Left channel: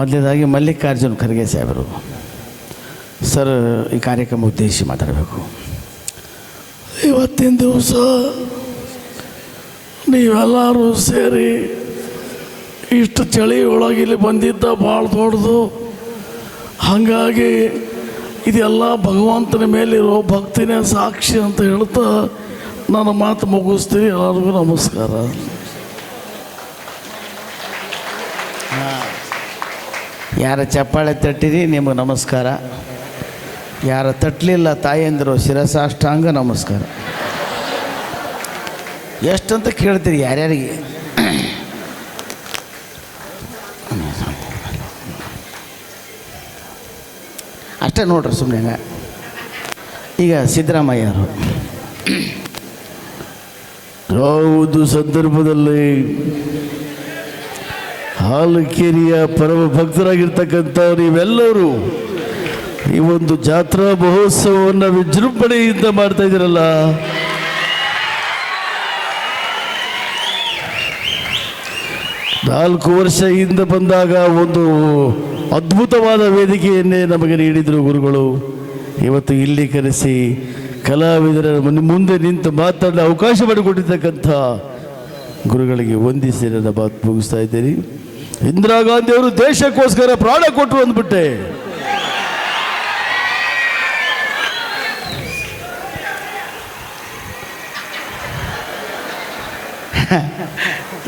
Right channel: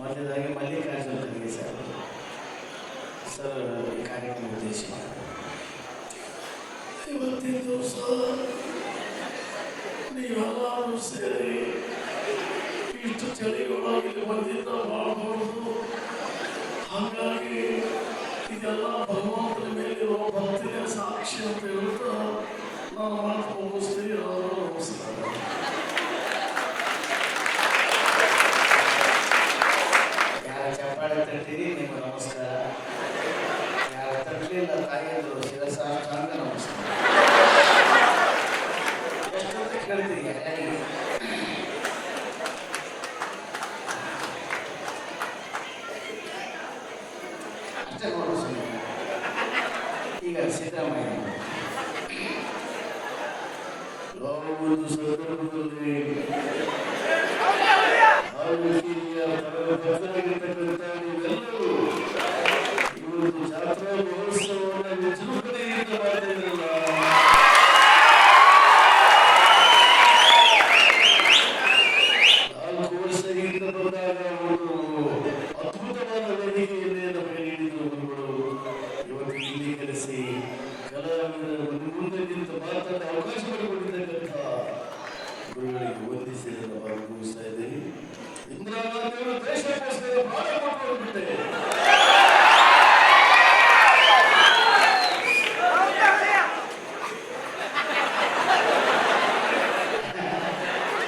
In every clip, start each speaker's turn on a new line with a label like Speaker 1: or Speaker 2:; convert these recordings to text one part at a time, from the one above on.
Speaker 1: ಮೊದಲೇದಾಗಿ ಮಲ್ಲಿಕಾರ್ಜುನ್ ಖರ್ಗೆ ಸಾಹೇಬರು. ಸರ್, ಈ ಕಾರ್ಯಕ್ರಮ ಉದ್ದೇಶಿಸಿ ಮಾತಾಡಬೇಕು.
Speaker 2: ಇವತ್ತಿನ ದಿವಸ ನೀವೆಲ್ಲರೂ ಸೇರಿ ಇಷ್ಟು ಚಳಿ ಒಳಗೆ ಇಲ್ಲಿ ಬಂದಿದ್ದ ಭಾಳ ದೊಡ್ಡದು. ಹಾಗಾಗಿ ಇದೆಲ್ಲ ಭಗವಂತನ ಮೇಲಿರೋ ಭಕ್ತಿನೇ ಸಾಕ್ಷಿ ಅಂತ ಹೇಳ್ತಾ ನನ್ನ ಮಾತು ಮುಗಿಸ್ತೀನಿ ಎಲ್ಲರಿಗೂ ನಮಸ್ಕಾರ.
Speaker 1: ಯಾರ ಚಪ್ಪಾಳೆ ತಟ್ಟಿರಿ ನಿಮಗೆ ನಮಸ್ಕಾರ. ಯಾರ ತಟ್ಟಲಿಲ್ಲ ತಾಯಂದರು, ಶಿರಸಾಷ್ಟಾಂಗ ನಮಸ್ಕಾರ. ಎಷ್ಟಂತ ಕೇಳ್ತೀರಿ ಯಾರ್ಯಾರಿಗೆ? ಅಷ್ಟೇ ನೋಡ್ರಿ ಸುಮ್ಮನೆ ಈಗ ಸಿದ್ದರಾಮಯ್ಯರು.
Speaker 2: ಯಾವುದು ಸಂದರ್ಭದಲ್ಲಿ ಹಾಲಕೇರಿಯ ಪರಮ ಭಕ್ತರಾಗಿರ್ತಕ್ಕಂಥ ನೀವೆಲ್ಲರೂ ಈ ಒಂದು ಜಾತ್ರಾ ಮಹೋತ್ಸವವನ್ನು ವಿಜೃಂಭಣೆಯಿಂದ ಮಾಡ್ತಾ ಇದ್ದೀರಲ್ಲ? ನಾಲ್ಕು ವರ್ಷ ಹಿಂದೆ ಬಂದಾಗ ಒಂದು ಅದ್ಭುತವಾದ ವೇದಿಕೆಯನ್ನೇ ನಮಗೆ ನೀಡಿದರು ಗುರುಗಳು. ಇವತ್ತು ಇಲ್ಲಿ ಕರೆಸಿ ಕಲಾವಿದರ ಮುಂದೆ ನಿಂತು ಮಾತಾಡಲು ಅವಕಾಶ ಮಾಡಿಕೊಟ್ಟಿರ್ತಕ್ಕಂಥ ಗುರುಗಳಿಗೆ ವಂದಿಸಿ ನನ್ನ ಮಾತು ಮುಗಿಸ್ತಾ ಇದ್ದೀನಿ. ಇಂದಿರಾ ಗಾಂಧಿ ಅವರು ದೇಶಕ್ಕೋಸ್ಕರ ಪ್ರಾಣ ಕೊಟ್ಟರು ಅಂದ್ಬಿಟ್ಟೆ.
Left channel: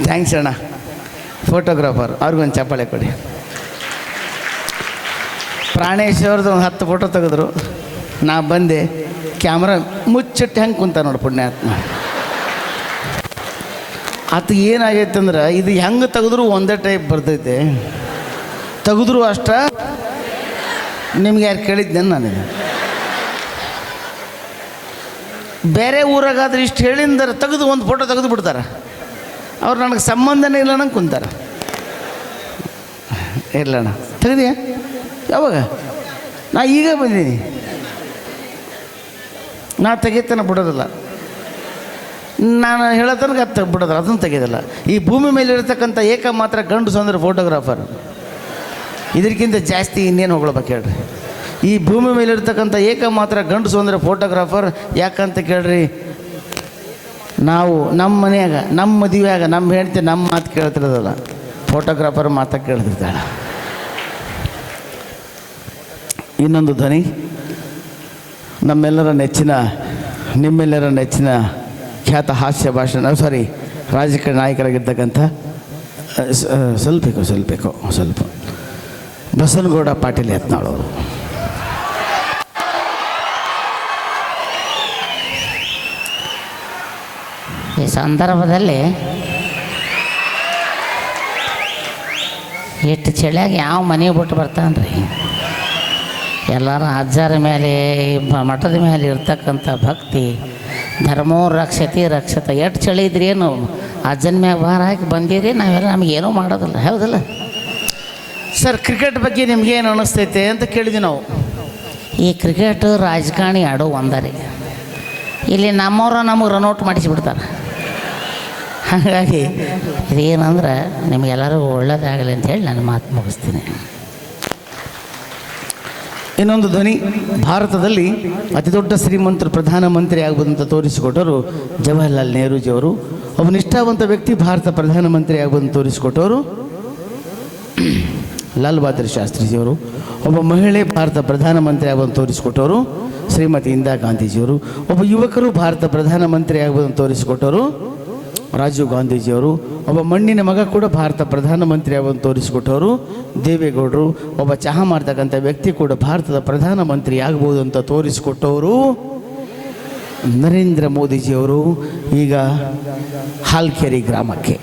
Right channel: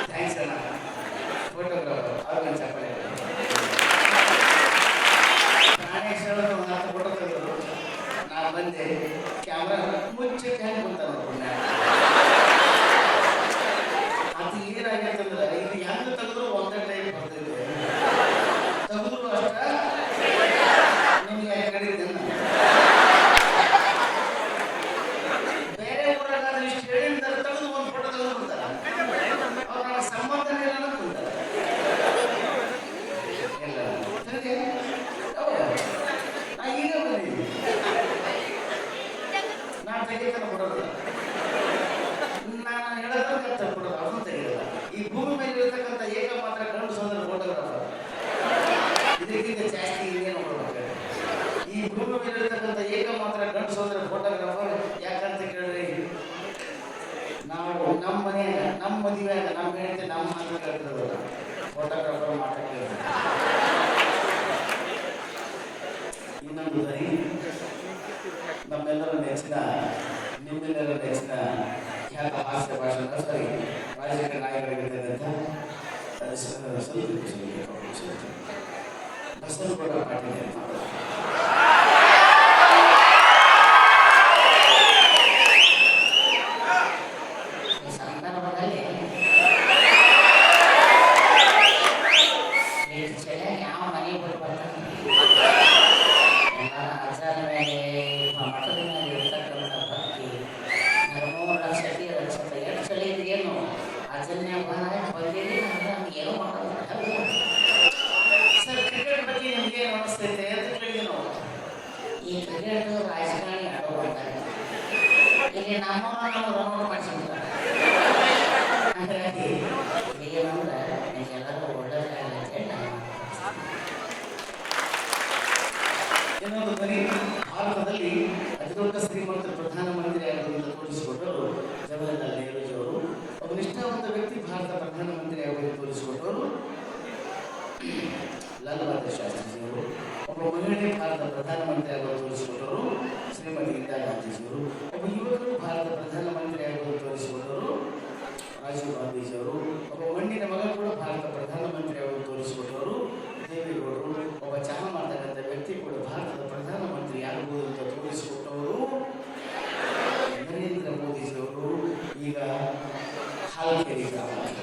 Speaker 1: ಥ್ಯಾಂಕ್ಸ್ ಅಣ್ಣ. ಫೋಟೋಗ್ರಾಫರ್ ಅವ್ರಿಗೊಂದು ಚಪ್ಪಾಳೆ ಕೊಡಿ. ಪ್ರಾಣೇಶ್ ಅವ್ರದ್ದು ಒಂದು ಹತ್ತು ಫೋಟೋ ತೆಗೆದ್ರು. ನಾ ಬಂದೆ ಕ್ಯಾಮ್ರಾ ಮುಚ್ಚಿಟ್ಟು ಹೆಂಗೆ ಕುಂತ ನೋಡಿ ಪುಣ್ಯಾತ್ಮ. ಆತ ಏನಾಗೈತೆ ಅಂದ್ರೆ ಇದು ಹೆಂಗೆ ತೆಗೆದ್ರು ಒಂದೇ ಟೈಪ್ ಬರ್ತೈತೆ. ತೆಗೆದ್ರು ಅಷ್ಟ, ನಿಮ್ಗೆ ಯಾರು ಕೇಳಿದ್ದೆ ನಾನು? ಬೇರೆ ಊರಾಗಾದ್ರೆ ಇಷ್ಟು ಹೇಳಿದ್ರೆ ತೆಗೆದು ಒಂದು ಫೋಟೋ ತೆಗೆದು ಬಿಡ್ತಾರೆ. ಅವ್ರು ನನಗೆ ಸಂಬಂಧನೇ ಇಲ್ಲ ನಂಗೆ ಕುಂತಾರೆ. ಅಣ್ಣ, ತೆಗೆದಿಯಾ? ಯಾವಾಗ? ನಾ ಈಗ ಬಂದೀನಿ ನಾ ತೆಗಿತಾನೆ ಬಿಡೋದಿಲ್ಲ. ನಾನು ಹೇಳೋ ತನಕ ಅದು ತೆಗ್- ಅದನ್ನು ತೆಗೆದಿಲ್ಲ ಈ ಭೂಮಿ ಮೇಲೆ ಇರತಕ್ಕಂಥ ಏಕ ಮಾತ್ರ ಗಂಡು ಸಂದ್ರೆ ಫೋಟೋಗ್ರಾಫರ್ ಇದಕ್ಕಿಂತ ಜಾಸ್ತಿ ಇನ್ನೇನು ಹೊಗಳ್ಬೇಕು ಹೇಳ್ರಿ. ಈ ಭೂಮಿ ಮೇಲೆ ಇರ್ತಕ್ಕಂಥ ಏಕ ಮಾತ್ರ ಗಂಡು ಸಂದ್ರೆ ಫೋಟೋಗ್ರಾಫರ್ ಯಾಕಂತ ಕೇಳ್ರಿ? ನಾವು ನಮ್ಮ ಮನೆಯಾಗ, ನಮ್ಮ ಮದುವೆಯಾಗ ನಮ್ಮ ಹೆಂಡತಿ ನಮ್ಮ ಮಾತು ಕೇಳ್ತಿರೋದಲ್ಲ. ಫೋಟೋಗ್ರಾಫರ್ ಮಾತಾ ಕೇಳ್ತಿರ್ತಾಳೆ. ಇನ್ನೊಂದು ಧ್ವನಿ. ನಮ್ಮೆಲ್ಲರ ನೆಚ್ಚಿನ, ನಿಮ್ಮೆಲ್ಲರ ನೆಚ್ಚಿನ ಖ್ಯಾತ ಹಾಸ್ಯ ಭಾಷಣ ಸಾರಿ ರಾಜಕೀಯ ನಾಯಕರಾಗಿರ್ತಕ್ಕಂಥ ಸ್ವಲ್ಪ ಸ್ವಲ್ಪೇಕೋ ಸ್ವಲ್ಪೇಕೋ ಸ್ವಲ್ಪ. ಬಸನಗೌಡ ಪಾಟೀಲ್ ಎತ್ನಾಳು
Speaker 3: ಈ ಸಂದರ್ಭದಲ್ಲಿ ಎಷ್ಟು ಚಳಿಯಾಗಿ ಯಾವ ಮನೆ ಬಿಟ್ಟು ಬರ್ತಾನ್ರಿ ಎಲ್ಲರ ಅಜ್ಜರ ಮೇಲೆ ಮಠದ ಮೇಲೆ ಇರ್ತಕ್ಕಂಥ ಭಕ್ತಿ ಧರ್ಮೋ ರಕ್ಷತಿ ರಕ್ಷತ. ಎಷ್ಟು ಚಳಿ ಇದ್ರಿ ಏನು? ಅಜ್ಜನ ಮ್ಯಾಗ ಭಾರ ಹಾಕಿ ಬಂದಿರಿ ನಾವೆಲ್ಲ ನಮಗೇನೂ ಮಾಡೋದಿಲ್ಲ. ಹೌದಲ್ಲ?
Speaker 1: ಸರ್ ಕ್ರಿಕೆಟ್ ಬಗ್ಗೆ ನಿಮ್ಗೇನು ಅನ್ನಿಸ್ತೈತೆ ಅಂತ ಕೇಳಿದ್ವಿ ನಾವು.
Speaker 3: ಈ ಕ್ರಿಕೆಟ್ ರಾಜಕಾರಣಿ ಆಡೋ ಒಂದರಿ. ಇಲ್ಲಿ ನಮ್ಮವ್ರ ನಮಗೆ ರನ್ಔಟ್ ಮಾಡಿಸಿಬಿಡ್ತಾರೆ. ಹಾಗಾಗಿ ಇದೇನಂದ್ರೆ ನಿಮಗೆಲ್ಲರಿಗೂ ಒಳ್ಳೇದಾಗಲಿ ಅಂತ ಹೇಳಿ ನಾನು ಮಾತು ಮುಗಿಸ್ತೀನಿ.
Speaker 1: ಇನ್ನೊಂದು ಧ್ವನಿ. ಭಾರತದಲ್ಲಿ ಅತಿ ದೊಡ್ಡ ಶ್ರೀಮಂತರು ಪ್ರಧಾನಮಂತ್ರಿ ಆಗ್ಬೋದಂತ ತೋರಿಸಿಕೊಟ್ಟವರು ಜವಾಹರ್ಲಾಲ್ ನೆಹರೂಜಿಯವರು ಒಬ್ಬ ನಿಷ್ಠಾವಂತ ವ್ಯಕ್ತಿ, ಭಾರತ ಪ್ರಧಾನಮಂತ್ರಿ ಆಗ್ಬೋದಂತ ತೋರಿಸಿಕೊಟ್ಟವರು ಲಾಲ್ ಬಹದ್ದೂರ್ ಶಾಸ್ತ್ರಿಜಿಯವರು ಒಬ್ಬ ಮಹಿಳೆ, ಭಾರತ ಪ್ರಧಾನಮಂತ್ರಿ ಆಗುವುದನ್ನು ತೋರಿಸಿಕೊಟ್ಟವರು ಶ್ರೀಮತಿ ಇಂದಿರಾ ಗಾಂಧೀಜಿಯವರು ಒಬ್ಬ ಯುವಕರು, ಭಾರತ ಪ್ರಧಾನಮಂತ್ರಿ ಆಗ್ಬೋದಂತ ತೋರಿಸಿಕೊಟ್ಟವರು ರಾಜೀವ್ ಗಾಂಧೀಜಿಯವರು, ಒಬ್ಬ ಮಣ್ಣಿನ ಮಗ ಕೂಡ ಭಾರತ ಪ್ರಧಾನಮಂತ್ರಿ ತೋರಿಸಿ ತೋರಿಸಿಕೊಟ್ಟವರು, ದೇವೇಗೌಡರು, ಒಬ್ಬ ಚಹಾ ಮಾಡ್ತಕ್ಕಂಥ ವ್ಯಕ್ತಿ ಕೂಡ ಭಾರತದ ಪ್ರಧಾನಮಂತ್ರಿ ಆಗ್ಬೋದು ಅಂತ ತೋರಿಸಿಕೊಟ್ಟವರು ನರೇಂದ್ರ ಮೋದಿಜಿಯವರು ಈಗ ಹಾಲ್ಕೆರೆ ಗ್ರಾಮಕ್ಕೆ.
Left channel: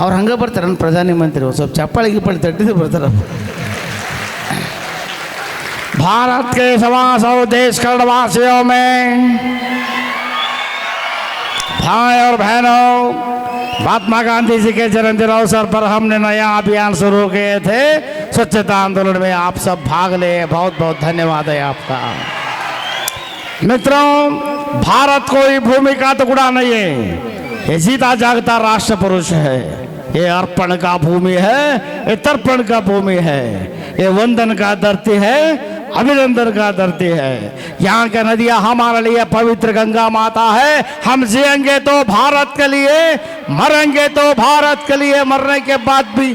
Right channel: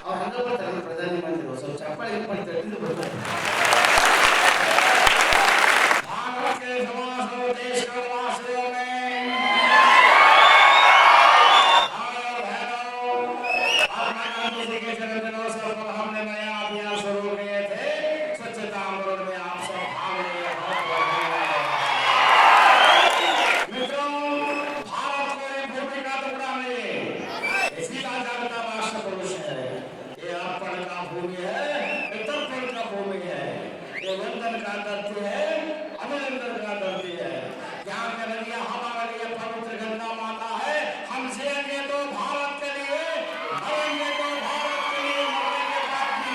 Speaker 1: ಅವ್ರು ಹಂಗೆ ಬರ್ತಾರೆ, ನನ್ನ ಪ್ರಧಾನಮಂತ್ರಿ ಸ್ವಲ್ಪ ಚಪ್ಪಾಳಿ ಗಿಪ್ಪಾಳಿ ತಟ್ಟಿದ್ದು ಬರ್ತಾರೆ.
Speaker 4: ಭಾರತ್ ಕೇ ಸಮಾಸ ದೇಶ ಕರ್ಣವಾಸಿಯೋ ಮೇ और बहनों, महात्मा गांधी जी के जन्मदिन अवसर पर हमने नया अभियान शुरू किए थे। स्वच्छता आंदोलन में आप सब भाग ले। बहुत बहुत धन्यवाद है आपका। मित्रों, भारत कोई भूमि का टुकड़ा नहीं है। ये जीता जागता राष्ट्र पुरुष है। ये अर्पण का भूमि है, ये तर्पण का भूमि है। ये वंदन का धरती है। अभिनंदन का धरती है। यहाँ का नदियाँ हमारे लिए पवित्र गंगा माता है। हम जिएँगे तो भारत के लिए, मरेंगे तो भारत के लिए, मरने के बाद भी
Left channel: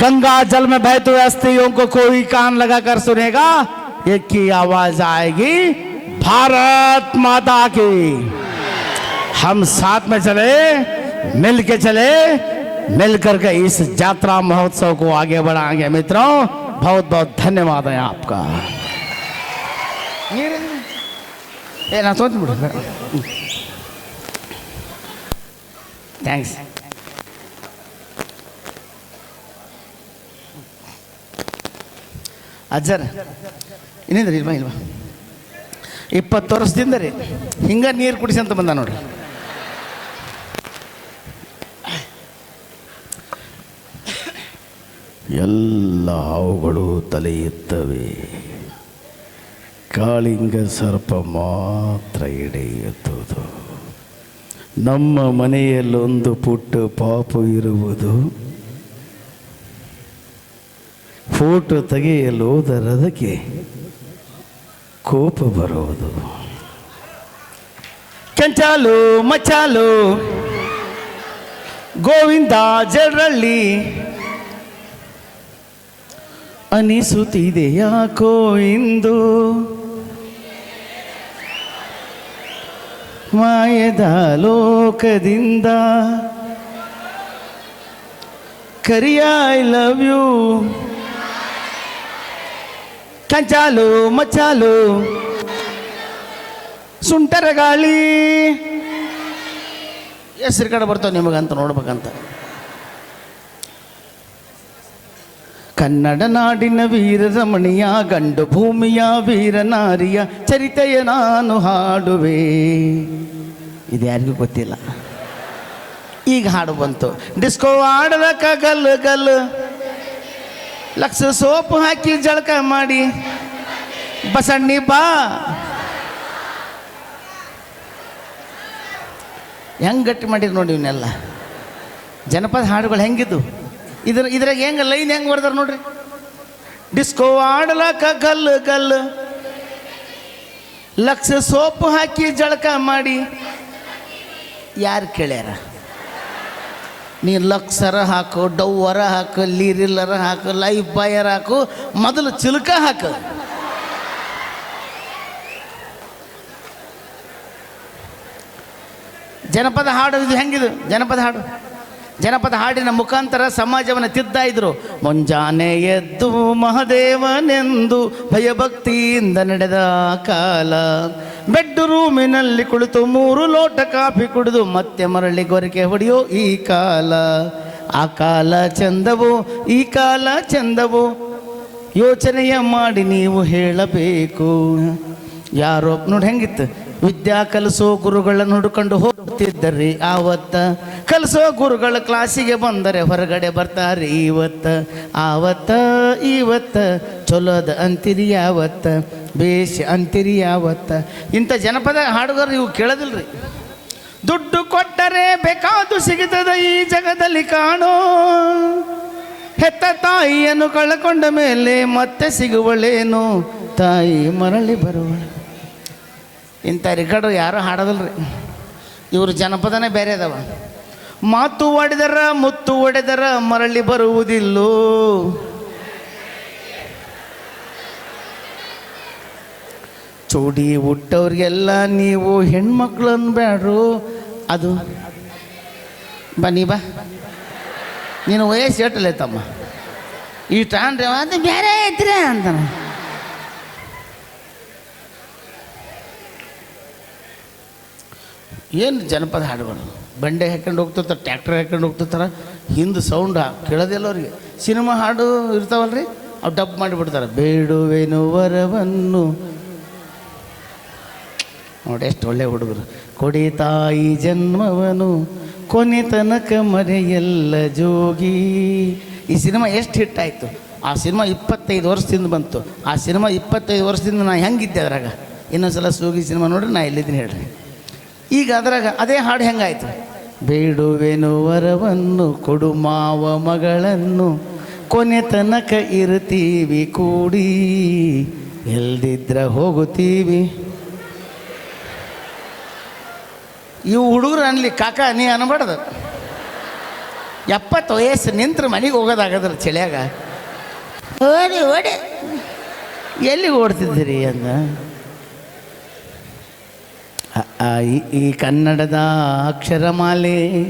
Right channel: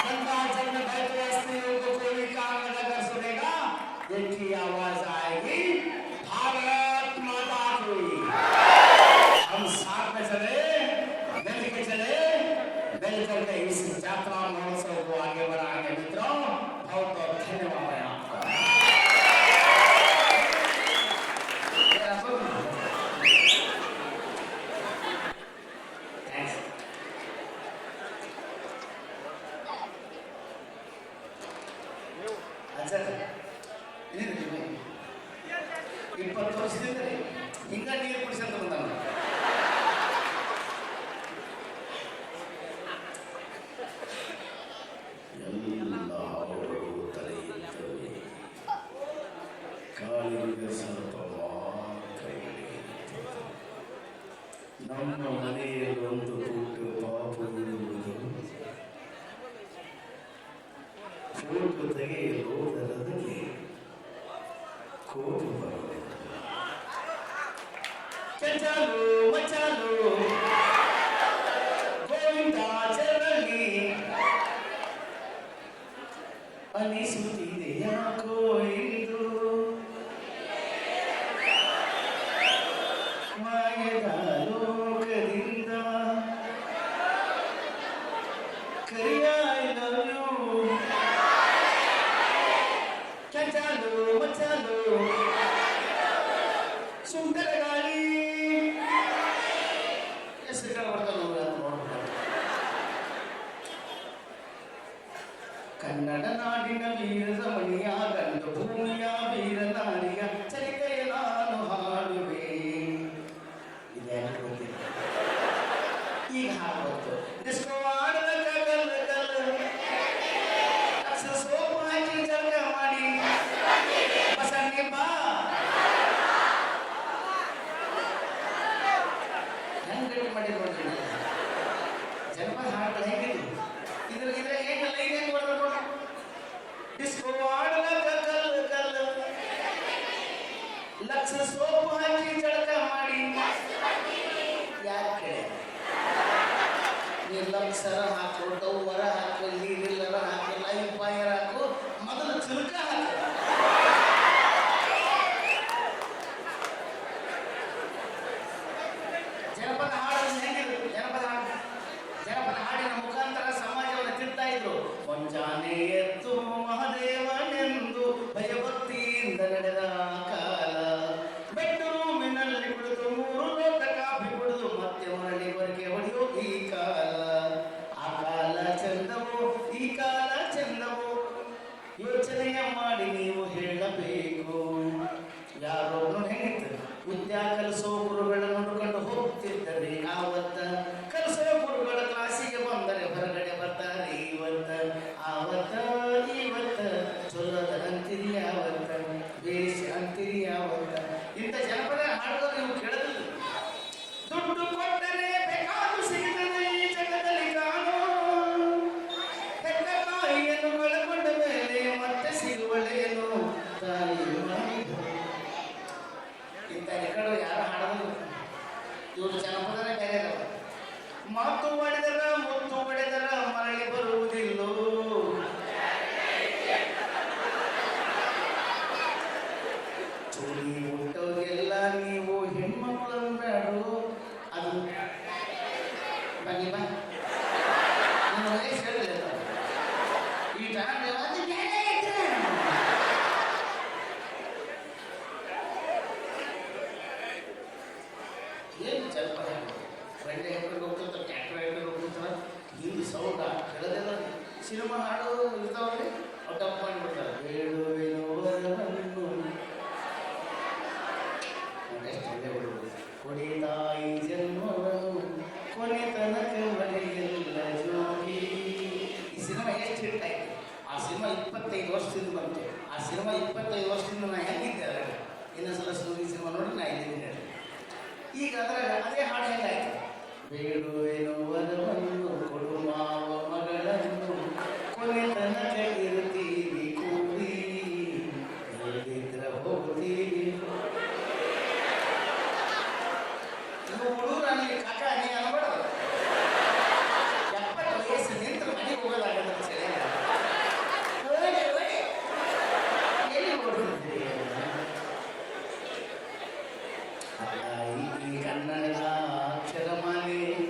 Speaker 4: गंगा जल में बहते हुए अस्थियों को कोई कान लगाकर सुनेगा, एक की आवाज़ आएगी, भारत माता की। हम साथ में चले मिल के चले मिल करके इस यात्रा महोत्सव को आगे बढ़ाएँगे। मित्रों बहुत बहुत धन्यवाद है आपका
Speaker 1: ಏ ನಾ ತೊಗೊಂತೀನಿ ಬಿಡು ಥ್ಯಾಂಕ್ಸ್ ಅಜ್ಜರ್ ಇನ್ನೇನ್ರಿ ಇಲ್ವಾ ಇಲ್ವಾ ಇಪ್ಪತ್ತು ವರ್ಷದಿಂದ ರೀ ಹಿಂಗೆ ನೀರು ಕುಡಿಸಿ ಅಂತ ಬಂದ ನೋಡ್ರಿ
Speaker 2: ಎಲ್ಲ ಹಾವುಗಳು ತಲೆ ಕಾಳಿಂಗ ಸರ್ಪ ಮಾತ್ರ ಎಡೆ ನಮ್ಮ ಮನೆಯಲ್ಲೊಂದು ಪುಟ್ಟ ಪಾಪು ಇರುವುದು. ಫೋಟೋ ತೆಗೆಯಲು ಹೋದರದಕ್ಕೆ ಕೋಪ ಬರುವುದು
Speaker 1: ಕೆಂಚಾಲು ಮಚಾಲು ಗೋವಿಂದ ಜರಳ್ಳಿ ಅನಿಸುತ್ತಿದೆ ಯಾಕೋ ಇಂದು ಮಾಯದ ಲೋಕದಿಂದ ಕರಿಯ ಐ ಲವ್ ಯು ಕಂಚಾಲು ಮಚಾಲು ಸುಂಟರ ಗಾಳಿ ಹೆಸರು ಕಡೆ ಬರ್ತಾವೆ ನಿಮಗಂತ ನೋಡ್ಬೇಕಂತ ಕನ್ನಡ ನಾಡಿನ ವೀರ ರಮಣಿಯ, ಗಂಡು ಭೂಮಿಯ ವೀರ ನಾರಿಯ ಚರಿತೆಯ ನಾನು ಹಾಡುವೆ. ಇದು ಯಾರಿಗೂ ಗೊತ್ತಿಲ್ಲ. ಈಗ ಹಾಡು ಬಂತು. ಡಿಸ್ಕೋ ಆಡಲಕ್ಕ ಗಲ್ ಗಲ್. ಲಕ್ಷ ಸೋಪ್ ಹಾಕಿ ಜಳಕ ಮಾಡಿ. ಬಸಣ್ಣಿ ಬಾ. ಹೆಂಗೆ ಗಟ್ಟಿ ಮಾಡಿರಿ ನೋಡಿ ಇವನ್ನೆಲ್ಲ. ಜನಪದ ಹಾಡುಗಳು ಹೆಂಗಿದ್ದು ಇದ್ರ ಇದ್ರಾಗ ಹೆಂಗೆ ಲೈನ್ ಹೆಂಗೆ ಬರ್ದಾರ ನೋಡ್ರಿ? ಡಿಸ್ಕೋ ಆಡ್ಲಾಕ ಗಲ್ ಗಲ್. ಲಕ್ಷ ಸೋಪು ಹಾಕಿ ಜಳಕ ಮಾಡಿ. ಯಾರು ಕೇಳ್ಯಾರ? ನೀ ಲಕ್ಸರ ಹಾಕು ಡವ್ವರ ಹಾಕು, ಲೀರಿಲ್ಲರ ಹಾಕು, ಲೈಫ್ ಬಾಯರ್ ಹಾಕು, ಮೊದಲು ಚಿಲ್ಕ ಹಾಕು. ಜನಪದ ಹಾಡು ಇದು ಹೆಂಗಿದು? ಜನಪದ ಹಾಡು. ಜನಪದ ಹಾಡಿನ ಮುಖಾಂತರ ಸಮಾಜವನ್ನು ತಿದ್ದಾಯಿದ್ರು ಇದ್ರು. ಮುಂಜಾನೆ ಎದ್ದು ಮಹದೇವನೆಂದು ಭಯಭಕ್ತಿಯಿಂದ ನಡೆದ ಕಾಲ. ಬೆಡ್ ರೂಮಿನಲ್ಲಿ ಕುಳಿತು ಮೂರು ಲೋಟ ಕಾಫಿ ಕುಡಿದು ಮತ್ತೆ ಮರಳಿ ಗೊರಕೆ ಹೊಡೆಯೋ ಈ ಕಾಲ. ಆ ಕಾಲ ಚಂದವು, ಈ ಕಾಲ ಚಂದವು. ಯೋಚನೆಯ ಮಾಡಿ ನೀವು ಹೇಳಬೇಕು. ಯಾರೋ, ನೋಡಿ ಹೆಂಗಿತ್ತು? ವಿದ್ಯಾ ಕಲಿಸೋ ಗುರುಗಳನ್ನು ಹುಡುಕೊಂಡು ಹೋಗ್ತಿದ್ದರಿ ಆವತ್ತ. ಕಲಿಸೋ ಗುರುಗಳ ಕ್ಲಾಸಿಗೆ ಬಂದರೆ ಹೊರಗಡೆ ಬರ್ತಾರೆ ಇವತ್ತ ಆವತ್ತ ಇವತ್ತ ಚಲೋದ ಅಂತಿರಿ ಯಾವತ್ತ, ಬೇಷ್ ಅಂತಿರಿ ಯಾವತ್ತ. ಇಂಥ ಜನಪದ ಹಾಡುಗಾರ ಇವು ಕೇಳೋದಿಲ್ರಿ. ದುಡ್ಡು ಕೊಟ್ಟರೆ ಬೇಕಾದು ಸಿಗುತ್ತದೆ ಈ ಜಗದಲ್ಲಿ ಕಾಣೋ. ಹೆತ್ತ ತಾಯಿಯನ್ನು ಕಳ್ಕೊಂಡ ಮೇಲೆ ಮತ್ತೆ ಸಿಗುವಳೇನು. ತಾಯಿ ಮರಳಿ ಬರುವ. ಇಂಥ ರೆಕಾರ್ಡು ಯಾರೂ ರೀ ಇವರು ಜನಪದನೇ ಬೇರೆ ಅದಾವ. ಮಾತು ಒಡೆದರ ಮುತ್ತು ಒಡೆದರ ಮರಳಿ ಬರುವುದಿಲ್ಲೋ? ಚೋಡಿ ಹುಟ್ಟವ್ರಿಗೆಲ್ಲ ನೀವು ಹೆಣ್ಮಕ್ಳು ಅನ್ಬೇಡ್ರು ಅದು, ಬನ್ನಿ ಬಾ. ನೀನು ವಯಸ್ಸು ಎಟ್ಟಲೆ ತಮ್ಮ? ಈ ಟ್ರಾಂಡ್ರೆ ಅದು ಬೇರೆ ಐತ್ರಿ ಅಂತ ಏನು ಜನಪದ ಹಾಡುಗಳು? ಬಂಡೆ ಹಾಕೊಂಡು ಹೋಗ್ತಿರ್ತಾರೆ ಟ್ಯಾಕ್ಟರ್ ಹಾಕೊಂಡು ಹೋಗ್ತಿರ್ತಾರೆ. ಹಿಂದೆ ಸೌಂಡ್ ಕೇಳೋದಿಲ್ಲ ಅವ್ರಿಗೆ. ಸಿನಿಮಾ ಹಾಡು ಇರ್ತಾವಲ್ರಿ, ಅವು ಡಬ್ ಮಾಡಿಬಿಡ್ತಾರೆ. ಬೇಡುವೆನು ವರವನ್ನು. ನೋಡಿ ಎಷ್ಟು ಒಳ್ಳೆ ಹುಡುಗರು. ಕೊಡಿ ತಾಯಿ ಜನ್ಮವನು, ಕೊನೆ ತನಕ ಮರೆಯಲ್ಲ ಜೋಗಿ. ಈ ಸಿನಿಮಾ ಎಷ್ಟು ಹಿಟ್ ಆಯಿತು. ಆ ಸಿನಿಮಾ ಇಪ್ಪತ್ತೈದು ವರ್ಷದಿಂದ ಬಂತು. ಆ ಸಿನಿಮಾ ಇಪ್ಪತ್ತೈದು ವರ್ಷದಿಂದ ನಾನು ಹೆಂಗಿದ್ದೆ ಅದ್ರಾಗ? ಇನ್ನೊಂದ್ಸಲ ಸೂಗಿ ಸಿನಿಮಾ ನೋಡ್ರಿ, ನಾ ಇಲ್ಲಿದ್ದೀನಿ ಹೇಳ್ರಿ. ಈಗ ಅದ್ರಾಗ ಅದೇ ಹಾಡು ಹೆಂಗಾಯ್ತು? ಬೇಡುವೆನು ವರವನ್ನು ಕೊಡು ಮಾವ ಮಗಳನ್ನು. ಕೊನೆ ತನಕ ಇರ್ತೀವಿ ಕೂಡಿ. ಎಲ್ದಿದ್ರ ಹೋಗುತ್ತೀವಿ. ಇವು ಹುಡುಗರು ಅನ್ಲಿ ಕಾಕ ನೀ ಅನ್ಬಾರ್ದು. ಎಪ್ಪತ್ತು ವಯಸ್ಸು ನಿಂತ್ರೆ ಮನೆಗೆ ಹೋಗೋದಾಗದ್ರ ಚಳಿಯಾಗ. ಓಡಿ ಓಡಿ. ಎಲ್ಲಿ ಓಡ್ತಿದ್ದೀರಿ ಅಂದ? ಈ ಕನ್ನಡದ ಅಕ್ಷರಮಾಲೆ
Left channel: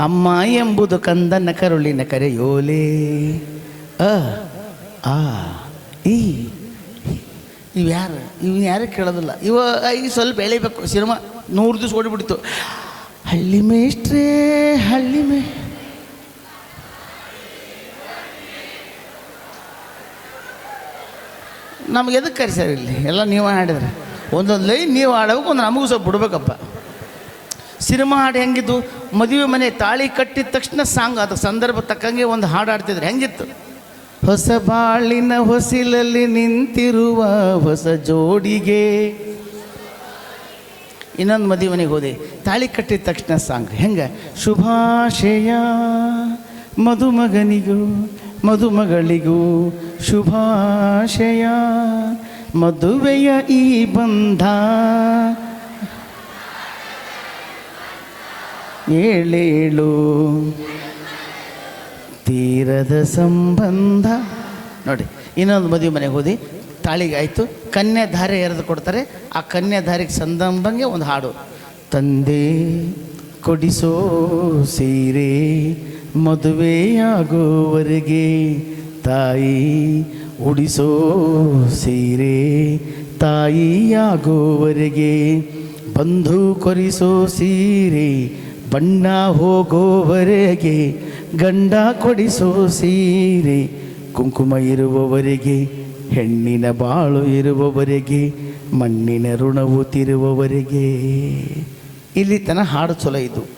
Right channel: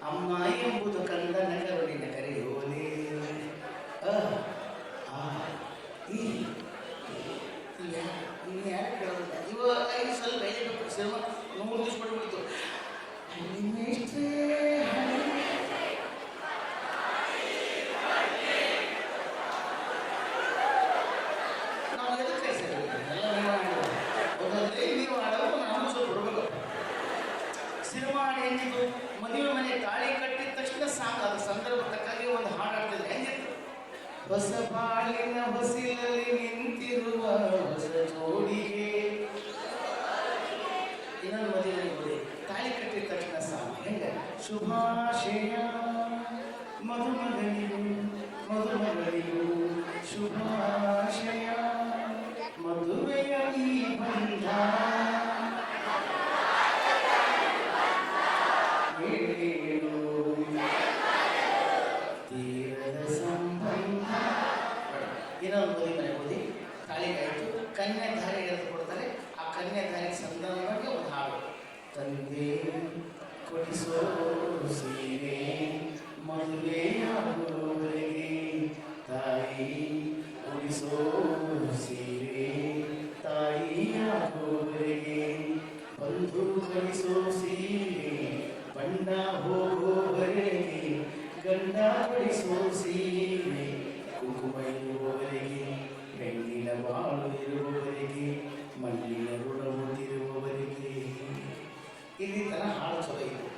Speaker 1: ಅಮ್ಮ ಎಂಬುದು ಕಂದನ ಕರುಳಿನ ಕರೆಯೋಲೆ. ಅ, ಆ, ಈ ಯಾರು ಇವು ಯಾರು ಕೇಳೋದಿಲ್ಲ. ಇವ ಈ ಸ್ವಲ್ಪ ಎಳಿಬೇಕು. ಸಿನಿಮಾ ನೂರು ದಿವಸ ಓಡಿಬಿಡ್ತು. ಹಳ್ಳಿ ಮೇಷ್ಟ್ರೇ, ಹಳ್ಳಿ ಮೇ, ನಮ್ಗೆ ಎದಕ್ಕೆ ಕರೆಸ್ಯಾರ ಇಲ್ಲಿ? ಎಲ್ಲ ನೀವು ಹಾಡಿದ್ರೆ ಒಂದೊಂದು ಲೈನ್ ನೀವು ಹಾಡಬೇಕು ಒಂದು ನಮಗೂ ಸ್ವಲ್ಪ ಬಿಡ್ಬೇಕಪ್ಪ. ಸಿನಿಮಾ ಹಾಡು ಹೆಂಗಿತ್ತು ಮದುವೆ ಮನೆ ತಾಳಿ ಕಟ್ಟಿದ ತಕ್ಷಣ ಸಾಂಗ್ ಅದು ಸಂದರ್ಭ ತಕ್ಕಂಗೆ ಒಂದು ಹಾಡು ಹಾಡ್ತಿದ್ರು. ಹೆಂಗಿತ್ತು? ಹೊಸ ಬಾಳಿನ ಹೊಸಿಲಲ್ಲಿ ನಿಂತಿರುವ ಹೊಸ ಜೋಡಿಗೆ. ಇನ್ನೊಂದು ಮದುವೆ ಮನೆಗೆ ಹೋದೆ. ತಾಳಿ ಕಟ್ಟಿದ ತಕ್ಷಣ ಸಾಂಗ್. ಹೆಂಗೆ? ಶುಭಾಶಯ ಮದುಮಗನಿಗೂ, ಮದುಮಗಳಿಗೂ ಶುಭಾಶಯ ಮದುವೆಯ ಈ ಬಂಧ. ಏಳೇಳು. ತೀರದ ಸಂಬಂಧ. ನೋಡಿ, ಇನ್ನೊಂದು ಮದುವೆ ಮನೆಗೆ ಹೋದಿ. ತಾಳಿಗೆ ಆಯಿತು. ಕನ್ಯೆ ಧಾರೆ ಎರೆದು ಕೊಡ್ತಾರೆ. ಆ ಕನ್ಯೆ ಧಾರೆಗೆ ಸಂದಂಬಂಗೆ ಒಂದು ಹಾಡು. ತಂದೆ ಕೊಡಿಸೋ ಸೀರೆ ಮದುವೆಯಾಗುವವರೆಗೆ ತಾಯಿ ಉಡಿಸೋ ಸೀರೆ ತಾಯಿಯಾಗುವವರೆಗೆ, ಬಂಧು ಕೊರಿಸೋ ಸೀರೆ ಬಣ್ಣ ಹೋಗೋವರೆಗೆ, ಗಂಡ ಕೊಡಿಸೋ ಸೀರೆ ಕುಂಕುಮ ಇರುವವರೆಗೆ, ಹೆಣ್ಣಿನ ಬಾಳು ಇರುವವರೆಗೆ, ಮಣ್ಣಿನ ಋಣವು ತಿರುವವರೆಗೆ. ಇಲ್ಲಿ ತನ ಹಾಡು ಚಲೋ ಇದು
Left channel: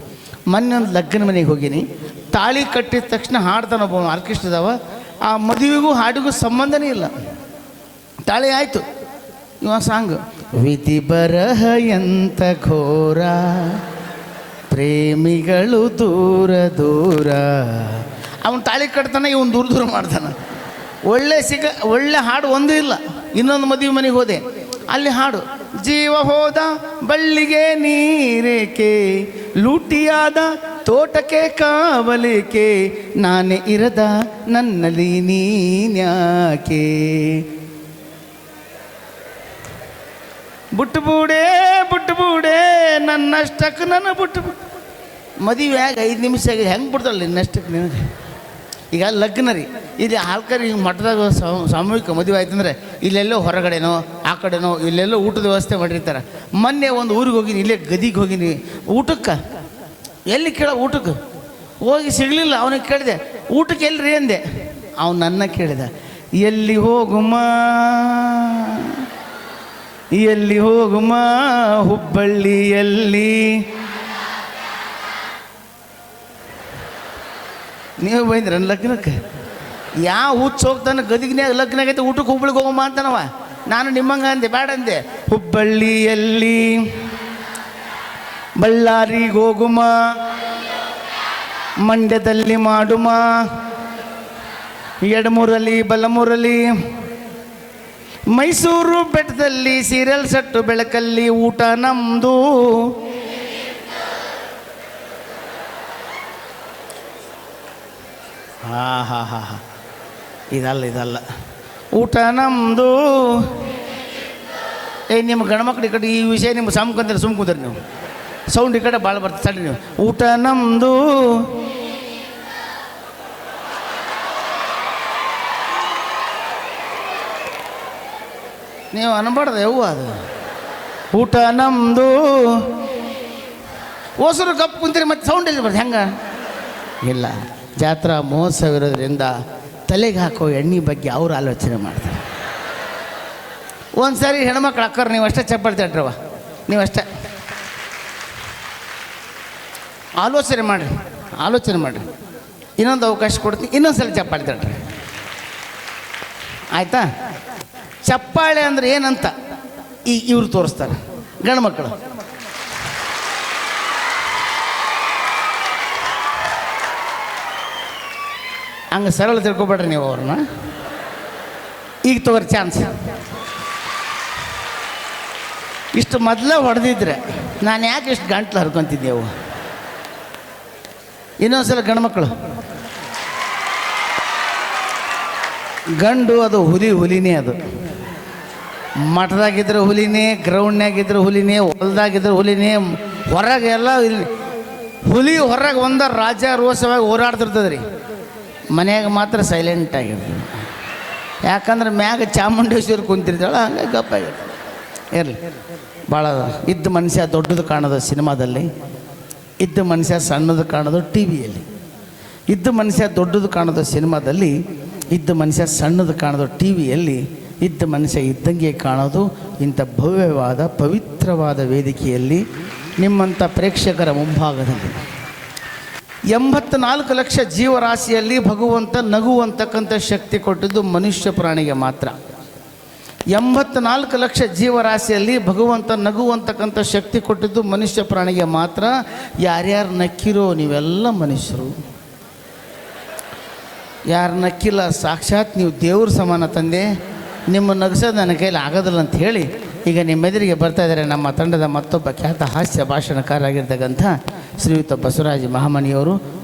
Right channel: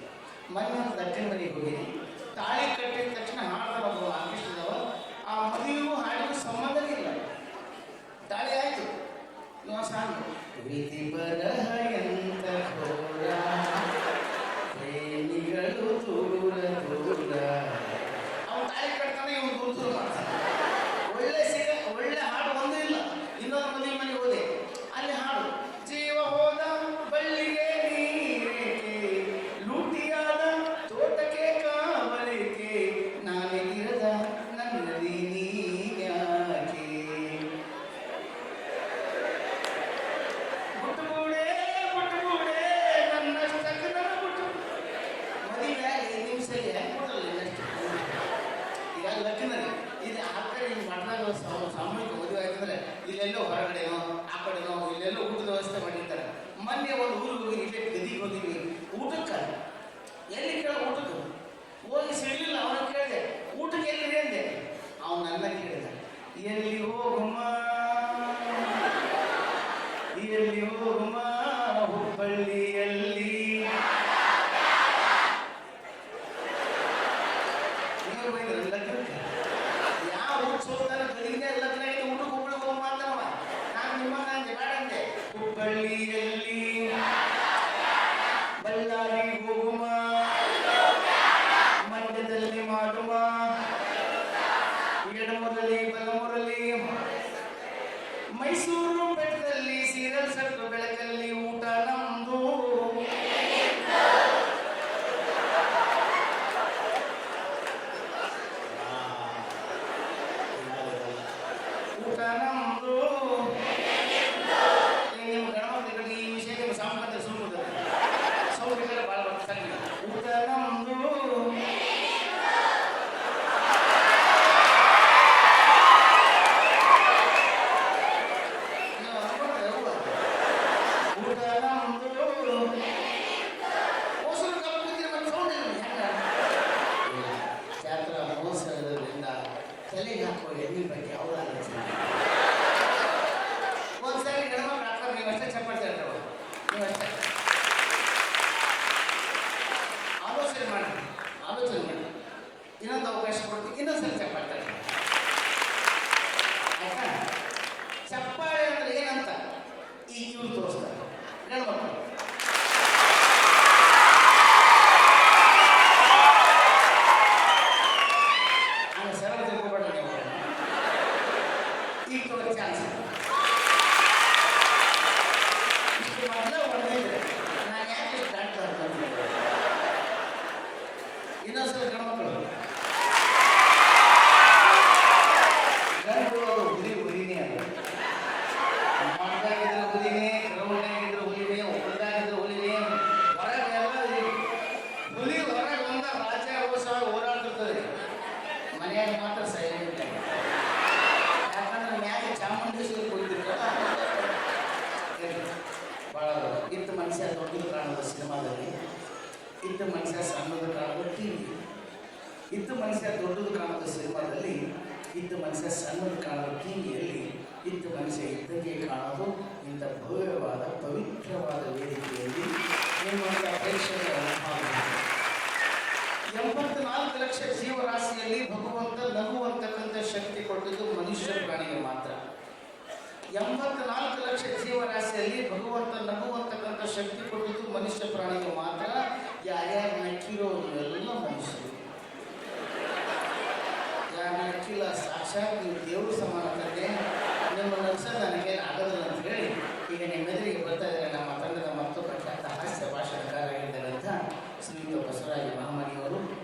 Speaker 1: ಮೊನ್ನೆ ಒಂದು ಲಗ್ನ ಮನೆಗೆ ಹೋಗಿನಿ. ತಾಳಿ ಕಟ್ಟಿದ ತಕ್ಷಣ ಹಾಡ್ತಾನೊಬ್ಬ ಆರ್ಕೆಸ್ಟ್ರದವ ಆ ಮದುವೆಗೂ ಹಾಡಿಗೂ ಸಂಬಂಧನೇ ಇಲ್ಲ. ತಾಳಿ ಆಯಿತು. ಇವ ಸಾಂಗ್. ವಿಧಿ ಬರಹ ಎಂತ ಘೋರ, ಪ್ರೇಮಿಗಳು ದೂರ ದೂರ. ಅವನು ತಾಳಿ ಕಟ್ತಾನೆ, ಇವನು ದೂರ ದೂರ ಮಾಡ್ತಾನೆ. ಒಳ್ಳೆ ಸಿಗ, ಒಳ್ಳೆ ಹಾಡು ಒಂದೂ ಇಲ್ಲ. ಇನ್ನೊಂದು ಮದುವೆ ಮನೆಗೆ ಹೋದೆ. ಅಲ್ಲಿ ಹಾಡು, ಜೀವ ಹೋದ ಬಳ್ಳಿಗೆ ನೀರೇಕೆ ಲೂಟಿಯಾದ ತೋಟಕ್ಕೆ ಕಾವಲಿಕೆ, ನಾನೇ ಇರದ ನನ್ನಲ್ಲಿ ನೀನ್ಯಾಕೆ? ಬುಟ್ಟುಬೂಡೆ ಬುಟ್ಟುಬೂಡೆ ಬುಟ್ಟು ಬೂಡೆ ನನ್ನಷ್ಟಕ್ಕೆ ನನ್ನ ಬುಟ್ಟು ಮದುವೆ ಆಗ ಐದು ನಿಮಿಷ ಹೆಂಗೆ ಬಿಡ್ತಾಳೆ ನಿನ್ನಷ್ಟಕ್ಕೆ ನಿನಗೆ? ಈಗ ಲಗ್ನ ರೀ. ಇಲ್ಲಿ ಆಲ್ಕರಿ ಹಿಂಗೆ ಮಠದಾಗ ಸಾಮೂಹಿಕ ಮದುವೆ ಆಯ್ತಂದ್ರೆ ಇಲ್ಲೆಲ್ಲೋ ಹೊರಗಡೆನೋ, ಆ ಕಡೆನೋ, ಇಲ್ಲೆಲ್ಲೋ ಊಟದ ವ್ಯವಸ್ಥೆ ಮಾಡಿರ್ತಾರೆ. ಮೊನ್ನೆ ಒಂದು ಊರಿಗೆ ಹೋಗಿನಿ, ಇಲ್ಲೇ ಗದಿಗೆ ಹೋಗಿನಿ. ಊಟಕ್ಕೆ? ಎಲ್ಲಿ ಕೇಳ ಊಟಕ್ಕೆ? ಹೋಗಿ ಸಿಗಲಿಲ್ಲ, ಅವನಿಗೆ ಕೇಳಿದೆ, ಊಟಕ್ಕೆ ಎಲ್ರಿ? ಅಂದೆ. ಅವನು ನನ್ನ ಕೇಳಿದ, ಎಲ್ಲಿ ಹೋಗುಮ್ಮ ಎಲ್ಲಿ ಹೋಗುಮ್ಮ ಹುಬ್ಬಳ್ಳಿಯಲ್ಲಿ ನೀವು ಬೈದ್ರೆ ಲಗ್ನಕ್ಕೆ? ಯಾವ ಹುಚ್ಚು ಹೋಗ್ತಾನೆ ಗದಿಗ್ನ್ಯಾಗ ಲಗ್ನ ಆಗೈತೆ ಊಟಕ್ಕೆ ಹುಬ್ಬಳ್ಳಿಗೆ ಹೋಗಮ್ಮ ಅಂತಾನವ. ನಾನು ನಿಮ್ಮಂಗ ಅಂದೆ, ಬೇಡ ಅಂದೆ. ಹುಬ್ಬಳ್ಳಿಯಲ್ಲಿ ಬಳ್ಳಾರಿಗೆ ಹೋಗುಮ, ಮಂಡ್ಯದಲ್ಲಿ ಮಾಡುಮ, ಎಡಮೂರಲ್ಲಿ, ಬಲಮೂರಲ್ಲಿ. ಮೈಸೂರು ಬೆಟ್ಟದಲ್ಲಿ ಸೀರಿಯಲ್ ಸಟ್ಟು ಬೆಳಕಲ್ಲಿ ಊಟ ನಮ್ದು. ಇದಲ್ಲ ಇದಲ್ಲ. ಊಟ ನಮ್ಮದು ಏ, ನಿಮ್ಮ ಗಣಮಕ್ಳು ಈ ಕಡೆ ಈ ವಿಷಯ ನಿಮ್ಮ ಸುಮ್ ಕೂತೀರಿ ನೀವು. ಸೌಂಡ್ ಈ ಕಡೆ ಭಾಳ ಬರ್ತದೆ ಸರಿ ನೀವು. ಊಟ ನಮ್ಮದು ನೀವು ಅನ್ಬಾರ್ದು ಯವ್ವ ಅದು? ಊಟ ನಮ್ಮದು ಹೊಸರು ಕಪ್ಪು ಕುಂತೀರಿ ಮತ್ತೆ ಸೌಂಡ್ ಎಲ್ಲಿ ಬರ್ತದೆ, ಹೆಂಗ? ಇಲ್ಲ. ಜಾತ್ರಾ ಮಹೋತ್ಸವ ಇರೋದ್ರಿಂದ ತಲೆಗೆ ಹಾಕೋ ಎಣ್ಣೆ ಬಗ್ಗೆ ಅವ್ರು ಆಲೋಚನೆ ಮಾಡ್ತಾರೆ. ಒಂದು ಸಾರಿ ಹೆಣ್ಮಕ್ಳು ಅಕ್ಕರು ನೀವು ಅಷ್ಟೇ ಚಪ್ಪಲ್ ತಟ್ರವ ನೀವು ಅಷ್ಟೇ. ಆಲೋಚನೆ ಮಾಡಿರಿ ಆಲೋಚನೆ ಮಾಡಿರಿ. ಇನ್ನೊಂದು ಅವಕಾಶ ಕೊಡ್ತೀನಿ ಇನ್ನೊಂದು ಸಲ ಚಪ್ಪಾಳೆ ತಟ್ರಿ. ಆಯಿತಾ? ಚಪ್ಪಾಳೆ ಅಂದ್ರೆ ಏನಂತ ಈ ಇವ್ರು ತೋರಿಸ್ತಾರೆ. ಗಂಡು ಮಕ್ಕಳು ಹಂಗೆ ಸರಳ ತಿಳ್ಕೊಬೇಡ್ರಿ ನೀವು ಅವ್ರನ್ನ. ಈಗ ತಗೋರಿ ಚಾನ್ಸ್ ಇಷ್ಟು ಮೊದಲೇ ಹೊಡೆದಿದ್ರೆ ನಾನು ಯಾಕೆ ಇಷ್ಟು ಗಂಟ್ಲು ಹರ್ಕೊತಿದ್ದೆವು ಇನ್ನೊಂದ್ಸಲ ಗಂಡು ಮಕ್ಕಳು ಗಂಡು ಅದು ಹುಲಿ ಹುಲಿನೇ ಅದು. ಮಠದಾಗಿದ್ರೆ ಹುಲಿನೇ ಗ್ರೌಂಡ್ನಾಗಿದ್ರೆ ಹುಲಿನೇ, ಹೊಲ್ದಾಗಿದ್ರೆ ಹುಲಿನೇ, ಹೊರಗೆ ಎಲ್ಲ ಹುಲಿ- ಹೊರಗೆ ಒಂದ ರಾಜ ರೋಷವಾಗಿ ಓಡಾಡ್ತಿರ್ತದೆ ರೀ ಮನ್ಯಾಗ ಮಾತ್ರ ಸೈಲೆಂಟ್ ಆಗಿರ್ತದೆ ಯಾಕಂದ್ರೆ ಮ್ಯಾಗ ಚಾಮುಂಡೇಶ್ವರಿ ಕುಂತಿರ್ತಾಳೆ, ಹಂಗೆ ಗಪ್ಪಾಗಿರ್ತದೆ ಇರಲಿ. ಭಾಳ ಇದ್ದ ಮನುಷ್ಯ ದೊಡ್ಡದು ಕಾಣೋದು ಸಿನಿಮಾದಲ್ಲಿ, ಇದ್ದ ಮನುಷ್ಯ ಸಣ್ಣದು ಕಾಣೋದು ಟಿ ವಿಯಲ್ಲಿ ಇದ್ದ ಮನುಷ್ಯ ದೊಡ್ಡದು ಕಾಣೋದು ಸಿನಿಮಾದಲ್ಲಿ, ಇದ್ದ ಮನುಷ್ಯ ಸಣ್ಣದು ಕಾಣೋದು ಟಿ ವಿಯಲ್ಲಿ ಇದ್ದ ಮನುಷ್ಯ ಇದ್ದಂಗೆ ಕಾಣೋದು ಇಂಥ ಭವ್ಯವಾದ, ಪವಿತ್ರವಾದ ವೇದಿಕೆಯಲ್ಲಿ ನಿಮ್ಮಂಥ ಪ್ರೇಕ್ಷಕರ ಮುಂಭಾಗದಲ್ಲಿ. ಎಂಬತ್ನಾಲ್ಕು ಲಕ್ಷ ಜೀವರಾಶಿಯಲ್ಲಿ ಭಗವಂತ ನಗುವಂತಕ್ಕಂಥ ಶಕ್ತಿ ಕೊಟ್ಟಿದ್ದು ಮನುಷ್ಯ ಪ್ರಾಣಿಗೆ ಮಾತ್ರ. ಎಂಬತ್ನಾಲ್ಕು ಲಕ್ಷ ಜೀವರಾಶಿಯಲ್ಲಿ ಭಗವಂತ ನಗುವಂತಕ್ಕಂಥ ಶಕ್ತಿ ಕೊಟ್ಟಿದ್ದು ಮನುಷ್ಯ ಪ್ರಾಣಿಗೆ ಮಾತ್ರ. ಯಾರ್ಯಾರು ನಕ್ಕಿರೋ ನೀವೆಲ್ಲ ಮನುಷ್ಯರು. ಯಾರು ನಕ್ಕಿಲ್ಲ, ಸಾಕ್ಷಾತ್ ನೀವು ದೇವ್ರ ಸಮಾನ ತಂದೆ. ನಿಮ್ಮ ನಗಸೋದು ನನ್ನ ಕೈಲಿ ಆಗೋದಿಲ್ಲ ಅಂತ ಹೇಳಿ ಈಗ ನಿಮ್ಮೆದುರಿಗೆ ಬರ್ತಾ ಇದ್ದಾರೆ ನಮ್ಮ ತಂಡದ ಮತ್ತೊಬ್ಬ ಖ್ಯಾತ ಹಾಸ್ಯ ಭಾಷಣಕಾರರಾಗಿರ್ತಕ್ಕಂಥ ಶ್ರೀಯುತ ಬಸವರಾಜ ಮಹಾಮಣಿಯವರು